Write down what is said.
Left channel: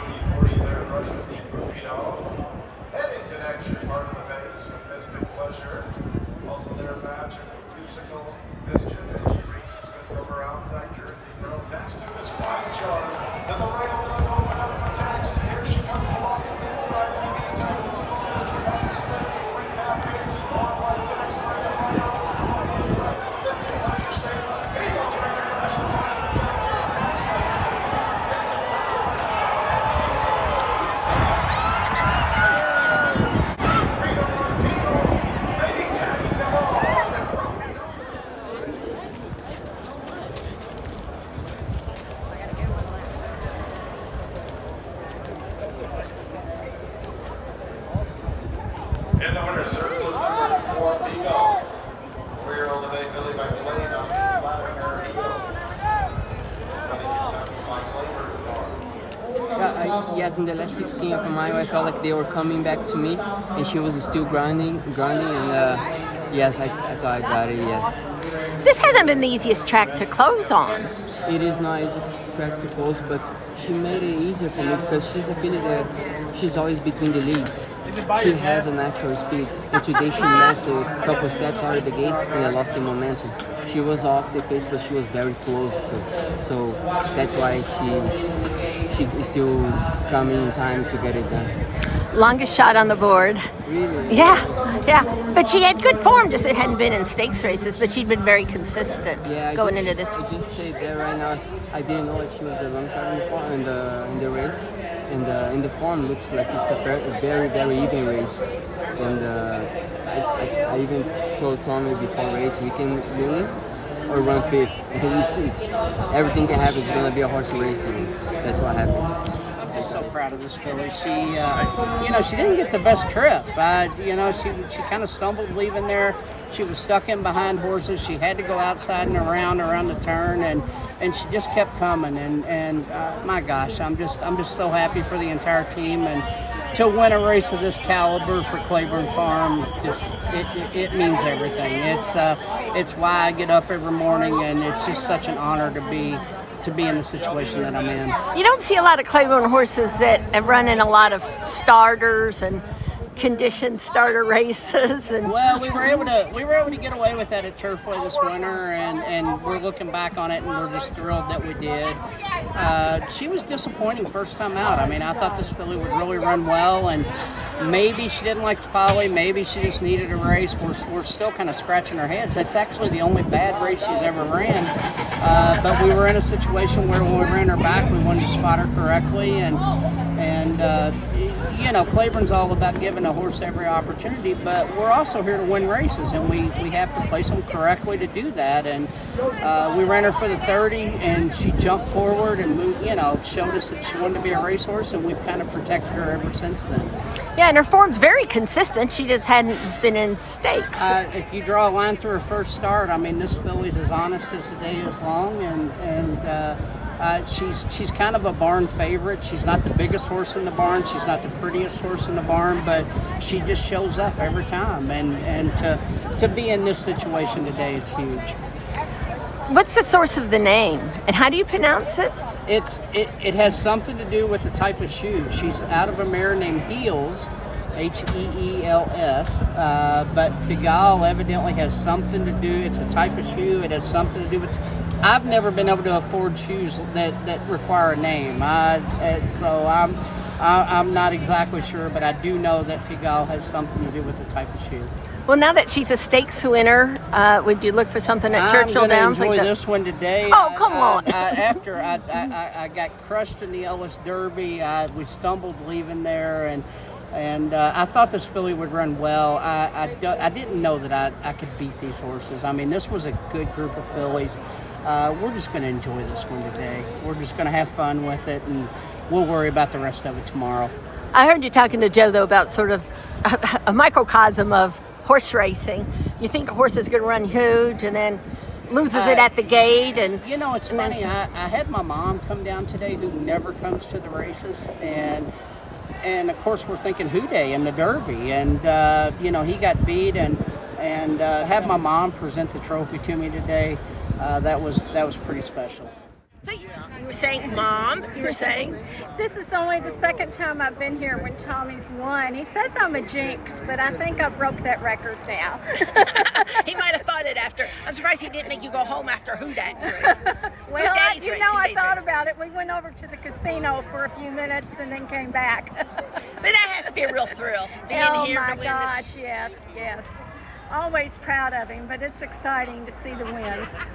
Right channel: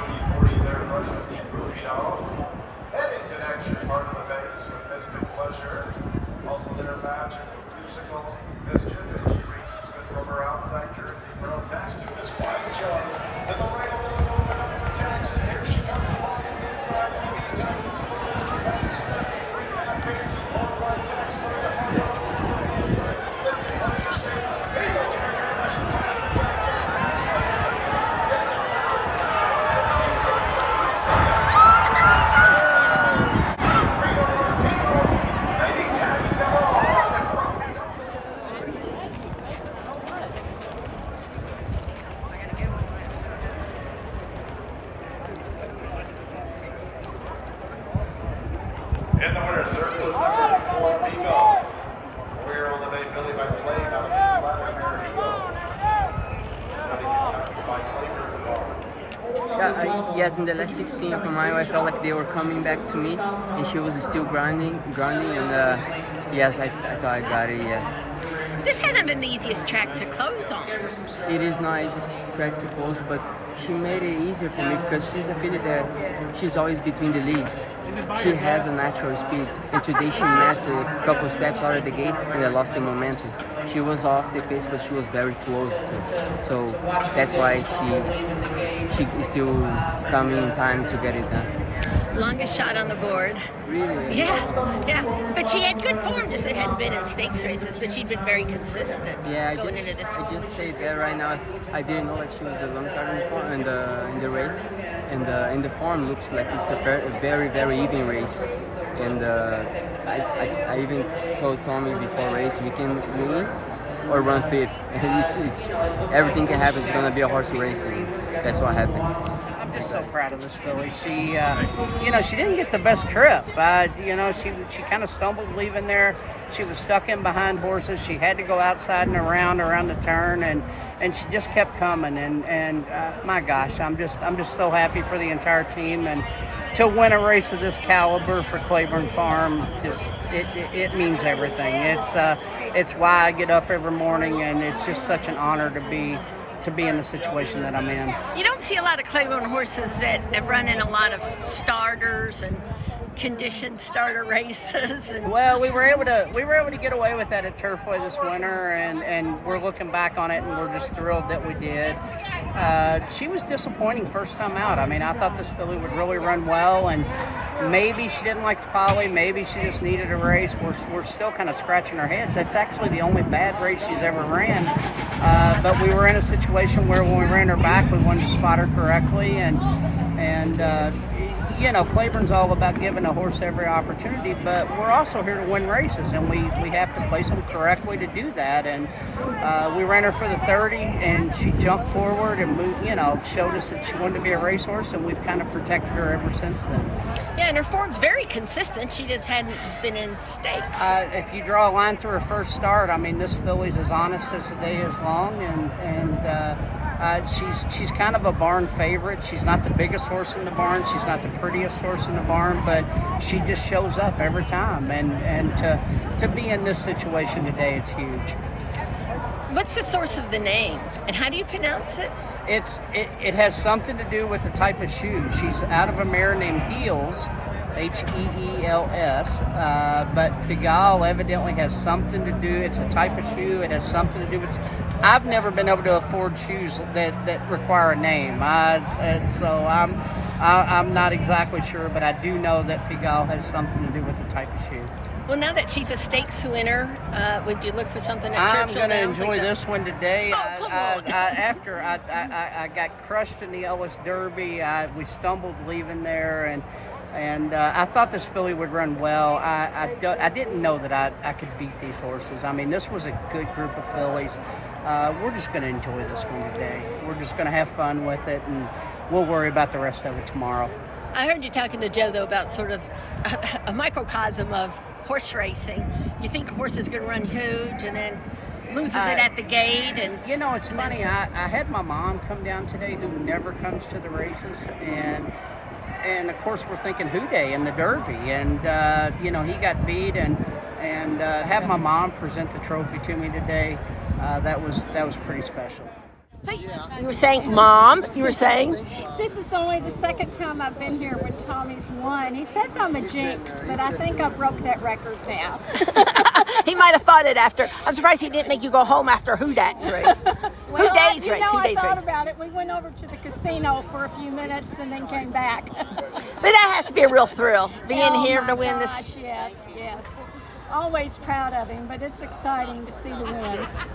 the 40th anniversary of the Groupie Doll. And in connection, part of the base with Mystic Pleasure. Also their magic musical Mischief as she races from her outside jersey. Real text to this quiet yard. Then the rail does open up for text. Here she comes along the inside. In the meantime, this is the Mischief has a split. 3.5 minutes in far right text. Right on the inside. Mystic Pleasure stayed on. Bingo trainer. And the winner's circle is number 4, Pigalle. Rear-old of a filly by Claiborne out of Vladimir Heel. Running Kentucky by Claiborne Farm. Yeah, yes, in the last 16 of a mile, I felt like they were coming back to me, and she was still grinding, and yes, I thought I got it, yeah. This hasn't been the easiest track to close on. It is not easy track to close, but she made it easier for me because she's a filly that she's always between the leads. She has a natural speed, and today she messed a couple steps out of the gate and I lost the momentum. She was off the pace, but she was very close to. So that's why she is still coming in time to get it done. Longest shot on the board. Really? Yeah. But she had good form, just it hadn't been in stakes races, but she'd been very consistent going into this. I just say that right now, I didn't know that she was the long shot in the race. And the form looks like it's a very, very even race. And I even told Tommy before race, we can win or run fifth. It's everything can happen. It's gonna be a horse race, and that's what happened. I'm just so proud of this filly. She, she didn't get the best trip. She kind of stumbled leaving there. She was stuck in behind horses. She had to go outside and around the turn, and she just kept coming. And my gosh, I'm just so happy for the entire team, and to win a race of this caliber for Claiborne Farm, it means everything. It's why I get up every morning, and it's just such an honor to be in the situation that I'm in. You don't see a lot of Claiborne horses that run in a lot of starters and conditioned starter races. And well, we were able to get away with that at Turfway this winter, and we're looking back on it, and we're just thrilled that we did. She was disappointing first time out. I mean, I thought this filly would really run well, and maybe she didn't like the poly, maybe she just needed a race. We're still kind of scratching our heads. That's actually the only bad race she's ever ran. But we were in a situation where when we ran her back, we wanted to spot her correctly, and Claiborne's all about giving a horse every opportunity, but we're also here to win races, and we have to place them correctly to do that. And we ran her for the 30, and she jumped forward and moved, showed us that she wanted to be a racehorse, and we've kind of protected her ever since then. Yeah, and her form's very consistent. She just hadn't been in stakes. If you draw a line through her first start, I mean, this filly's as honest as the day is long, and she's kind of a barn favorite. She's not the biggest horse in the barn. She's not the prettiest horse in the barn, but she just shows up every time. And to be in this situation today, it's huge. What's the source of the name, and how do you pronounce it? It has something to do with the type of shoe. She's out of a mare named Heels, Heels, but Pigalle evidently has something to do. It's a type of shoe. It has something to do with. I've never been able to afford shoes that require a name. So I'm not exactly sure, but I do know that Pigalle has something to do with the type of shoe. Well, now that she's a stakes winner, would you look for something at Churchill I'm Downs? I'm going to enjoy this one today. Oh, come on. After I got crushed in the Ellis Derby, we stumbled leaving there, and I thought this filly would run well. I didn't know that I could beat these horses. I mean, this was a good group of fillies. We're just going to enjoy this one today. We're just going to have fun with it, and we'll worry about the rest of it tomorrow. I heard you talking to Joe, though, about sort of a microcosm of horse racing. You think a horse is going to run huge and then loses it at the gate. And it's funny. I had my mom come down today, who never comes to the races, and of course we're thinking Who Dey in the Derby, and he got beat, and have my mom present the trophy to me today. That was pretty special. So you were saying, Mom, you were saying? This is only the second time I've been here when Tommy's won. He says I'm a jinx, but I think I broke that record now. He might have thought it after. I'm surprised he didn't make you go home after Who Day's race. Well, Who Day's race? I thought about it. We went over to the casino for a few minutes and then came back. But that has to be a real thrill, being here to win this. Yes. Always proud of him, but it's exciting to see the wins.